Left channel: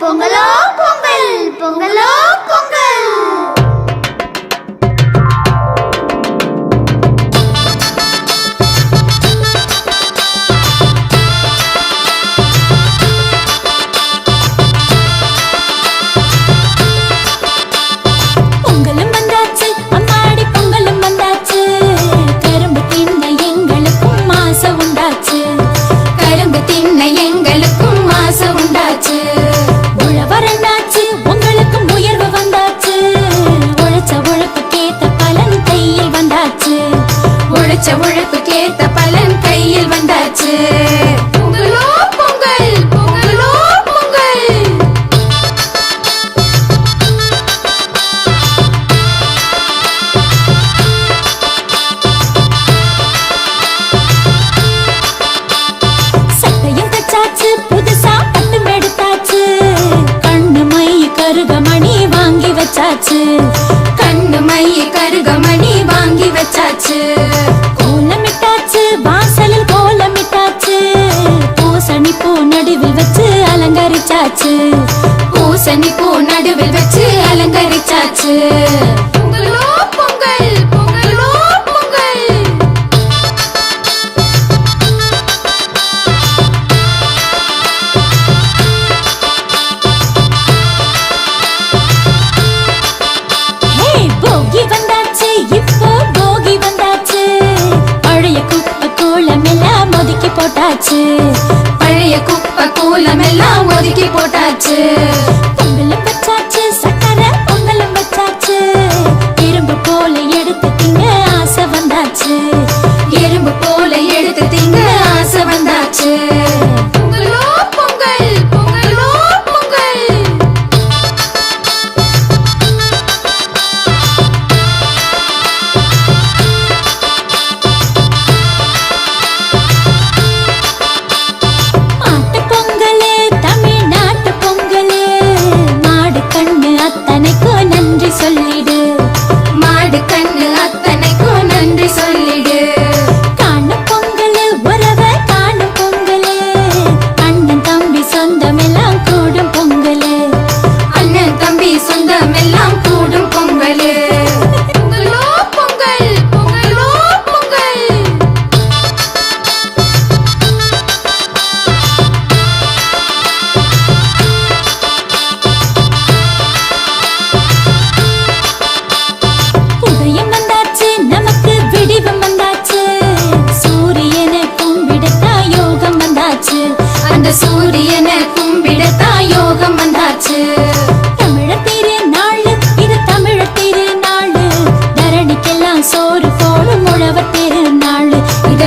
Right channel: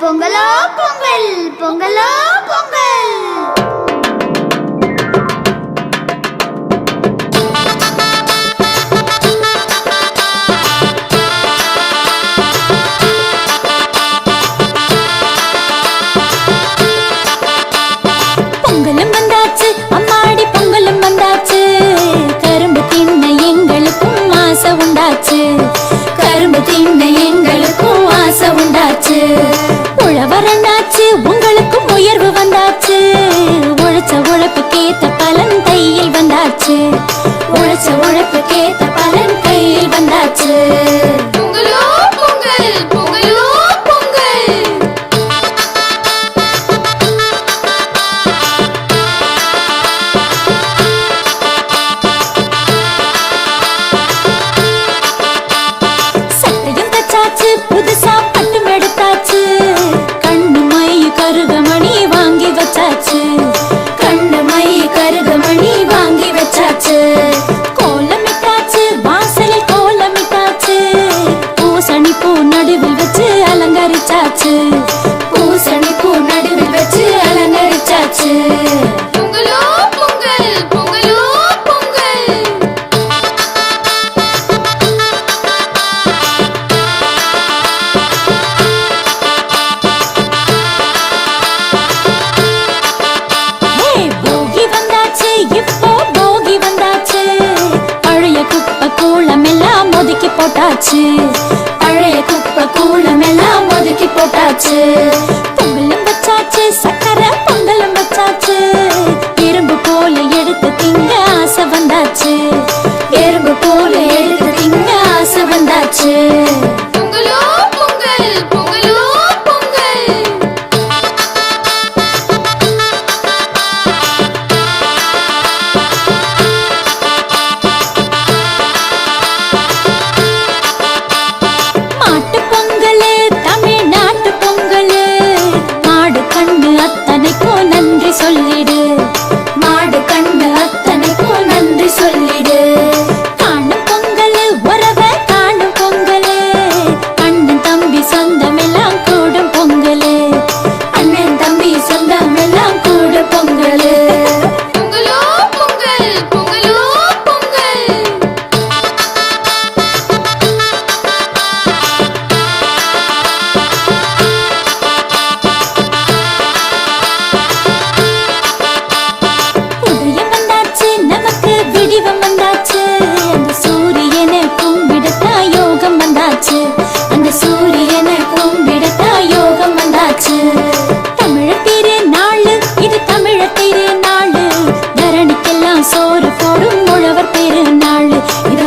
பொங்கலோ பொங்கல், பொங்கலோ பொங்கல். பொங்கலும் வந்தாச்சு, அம்மாடி பொங்கலும் வந்தாச்சு. கரும்பு தின்ன எங்களுக்கும் ஆசை உண்டாச்சு. கரும்பு தின்ன எங்களுக்கும் ஆசை உண்டாச்சு. உழவரண்டாச்சு, உங்களுக்கும் உயர்வு வந்தாச்சு. உழைச்ச உழைப்புக்கேத்த பலன் கையில் வந்தாச்சு. உழைச்ச உழைப்புக்கேத்த பலன் கையில் வந்தாச்சு. பொங்கலோ பொங்கல், பொங்கலோ பொங்கல். சட்டையும் தச்சாச்சு, புதுசா பட்டும் எடுத்தாச்சு. கண்ணு மை கருகமணி வாங்கி வச்சாச்சு. கண்ணு மை கருகமணி வாங்கி வச்சாச்சு. கோலமிட்டாச்சு, வாசலில் கோலமிட்டாச்சு. பூசணி பூ நடுவில் வச்சு அலங்கரிச்சாச்சு. பூசணி பூ நடுவில் வச்சு அலங்கரிச்சாச்சு. பொங்கலோ பொங்கல், பொங்கலோ பொங்கல். போகி வந்தாச்சு, இப்போ போகி வந்தாச்சு. பழைய குப்பை கூலம் எல்லாம் ஒதுக்கி போட்டாச்சு. பழைய குப்பை கூலம் எல்லாம் ஒதுக்கி போட்டாச்சு. பொங்கலும் வச்சாச்சு, சக்கரை பொங்கலும் வச்சாச்சு. எறும்பு போல எடுத்து திங்க ஆசை வந்தாச்சு. எறும்பு போல எடுத்து திங்க ஆசை வந்தாச்சு. பொங்கலோ பொங்கல், பொங்கலோ பொங்கல். மாட்டு பொங்கலு, தமிழ்நாட்டு பொங்கலு. மாடு கண்ணு அத்தனைக்கும் நன்றி சொல்லிடு. மாடு கண்ணு அத்தனைக்கும் நன்றி சொல்லிடு. காணும் பொங்கலு, உறவை காணும் பொங்கலு. அண்ணன் தம்பி சொந்தம் எல்லாம் கூடும் பொங்கலு. அண்ணன் தம்பி சொந்தம் எல்லாம் கூடும் பொங்கலு. பொங்கலோ பொங்கல், பொங்கலோ பொங்கல். உதயம் வந்தாச்சு, நமக்கு விடிவம் வந்தாச்சு. அந்த சூரியனை கும்பிடத்தா யோகம் வந்தாச்சு. அந்த சூரியனை கும்பிடத்தா யோகம் வந்தாச்சு. தமிழர் திருநாளு, இது தமிழர் திருநாளு. தரணிக்கெல்லாம் சோறு போடும் உழவர் திருநாளு. இத